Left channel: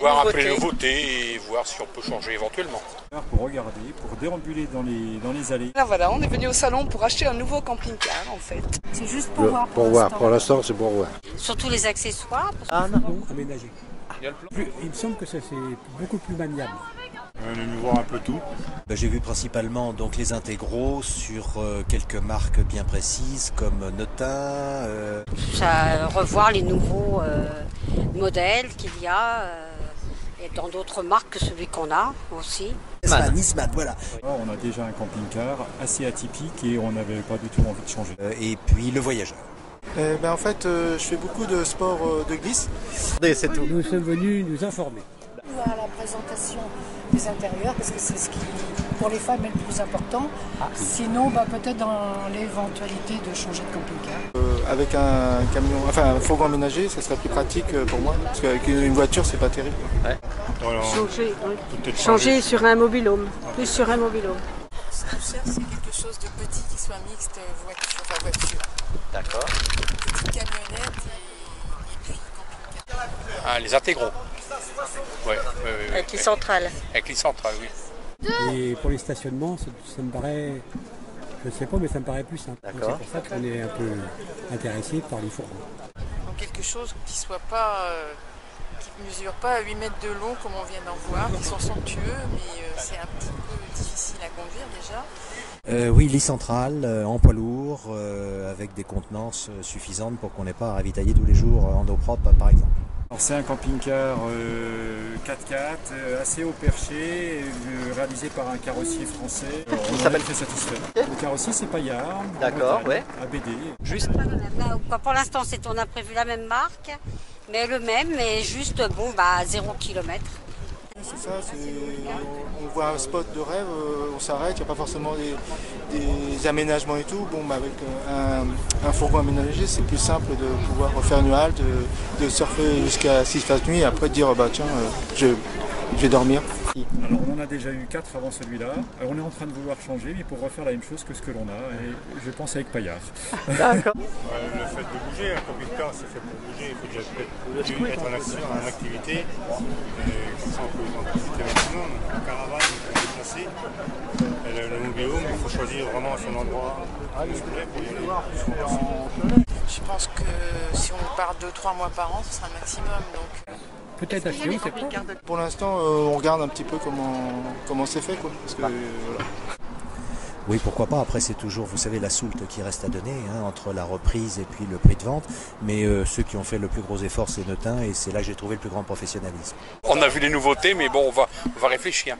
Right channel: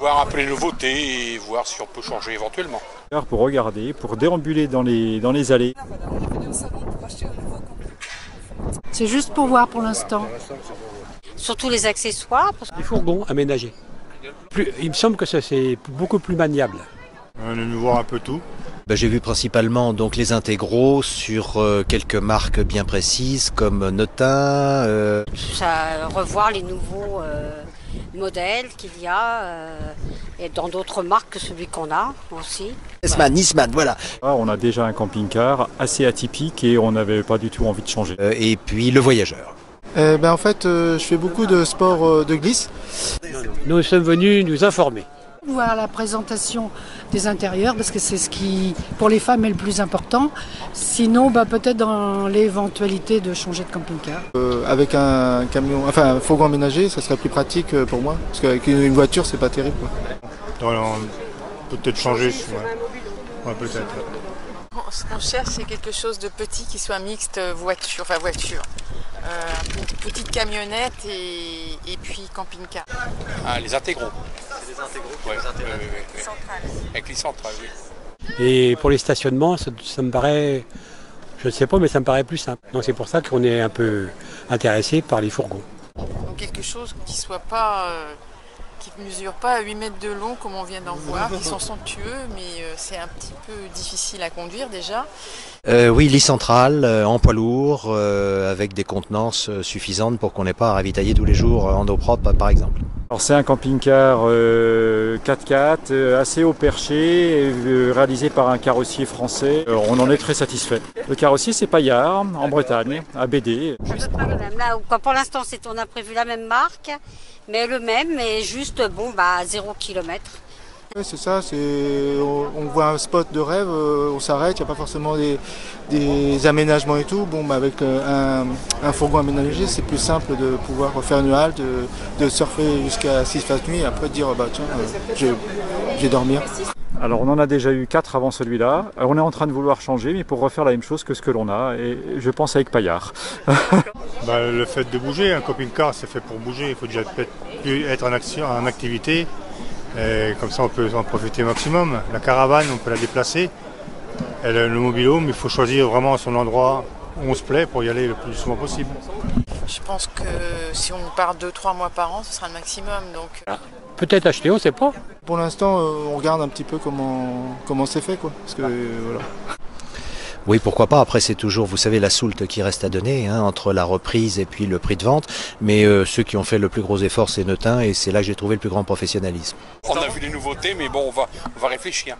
Voir un peu les nouveautés et voir si on peut changer éventuellement. Pour regarder, pour déambuler dans les allées. Là voilà, on est venu au salon pour acheter un nouveau camping-car en fait. C'est juste pour voir pour l'instant. Pour l'instant, c'est pour voir. Surtout les accessoires. Un fourgon aménagé. Il me semble que ça c'est beaucoup plus maniable. On est venu voir un peu tout. J'ai vu principalement donc les intégraux sur quelques marques bien précises comme Notin. Revoir les nouveaux modèles qu'il y a et dans d'autres marques que celui qu'on a aussi. Nisman, voilà. On a déjà un camping-car assez atypique et on n'avait pas du tout envie de changer. Et puis le voyageur. En fait, je fais beaucoup de sport de glisse. Nous sommes venus nous informer. Voir la présentation des intérieurs parce que c'est ce qui pour les femmes est le plus important. Sinon peut-être dans l'éventualité de changer de camping-car. Avec un camion, enfin un fourgon aménagé, ça serait plus pratique pour moi parce qu'avec une voiture c'est pas terrible. Peut-être changer sur un mobil-home. Plus sur un mobil-home. Ce qu'on cherche, c'est quelque chose de petit qui soit mixte voiture. Petite camionnette et puis camping-car. Les intégraux. Avec les centrales. Avec les centrales, oui. Et pour les stationnements, ça me paraît, je ne sais pas, mais ça me paraît plus simple. Donc c'est pour ça qu'on est un peu intéressé par les fourgons. Donc quelque chose qui soit pas, qui ne mesure pas à 8 mètres de long comme on vient d'en voir, qui sont somptueux, mais c'est un petit peu difficile à conduire déjà. Oui, lit central, en poids lourd, avec des contenances suffisantes pour qu'on n'ait pas à ravitailler tous les jours en eau propre, par exemple. Alors c'est un camping-car 4x4 assez haut perché, réalisé par un carrossier français. On en est très satisfait. Le carrossier c'est Paillard, en Bretagne, à BD. Là, pour l'instant, on a prévu la même marque, mais le même, mais juste 0 km. Ouais, c'est ça, on voit un spot de rêve, on s'arrête, il n'y a pas forcément des aménagements et tout. Avec un fourgon aménagé, c'est plus simple de pouvoir faire une halte, de surfer jusqu'à 6 faces nuit et après de dire tiens, je vais dormir. Alors on en a déjà eu 4 avant celui-là. On est en train de vouloir changer, mais pour refaire la même chose que ce que l'on a, et je pense avec Paillard. Le fait de bouger, un camping-car c'est fait pour bouger, il faut déjà être en action, en activité. Et comme ça on peut en profiter au maximum. La caravane on peut la déplacer. Et le mobil-home il faut choisir vraiment son endroit où on se plaît pour y aller le plus souvent possible. Je pense que si on part 2-3 mois par an, ce sera le maximum. Donc. Peut-être acheter, on ne sait pas. Pour l'instant on regarde un petit peu comment c'est fait quoi. Parce que, voilà. Oui, pourquoi pas. Après, c'est toujours, vous savez, la soulte qui reste à donner entre la reprise et puis le prix de vente. Mais ceux qui ont fait le plus gros effort, c'est Notin et c'est là que j'ai trouvé le plus grand professionnalisme. On a vu les nouveautés, mais bon, on va réfléchir.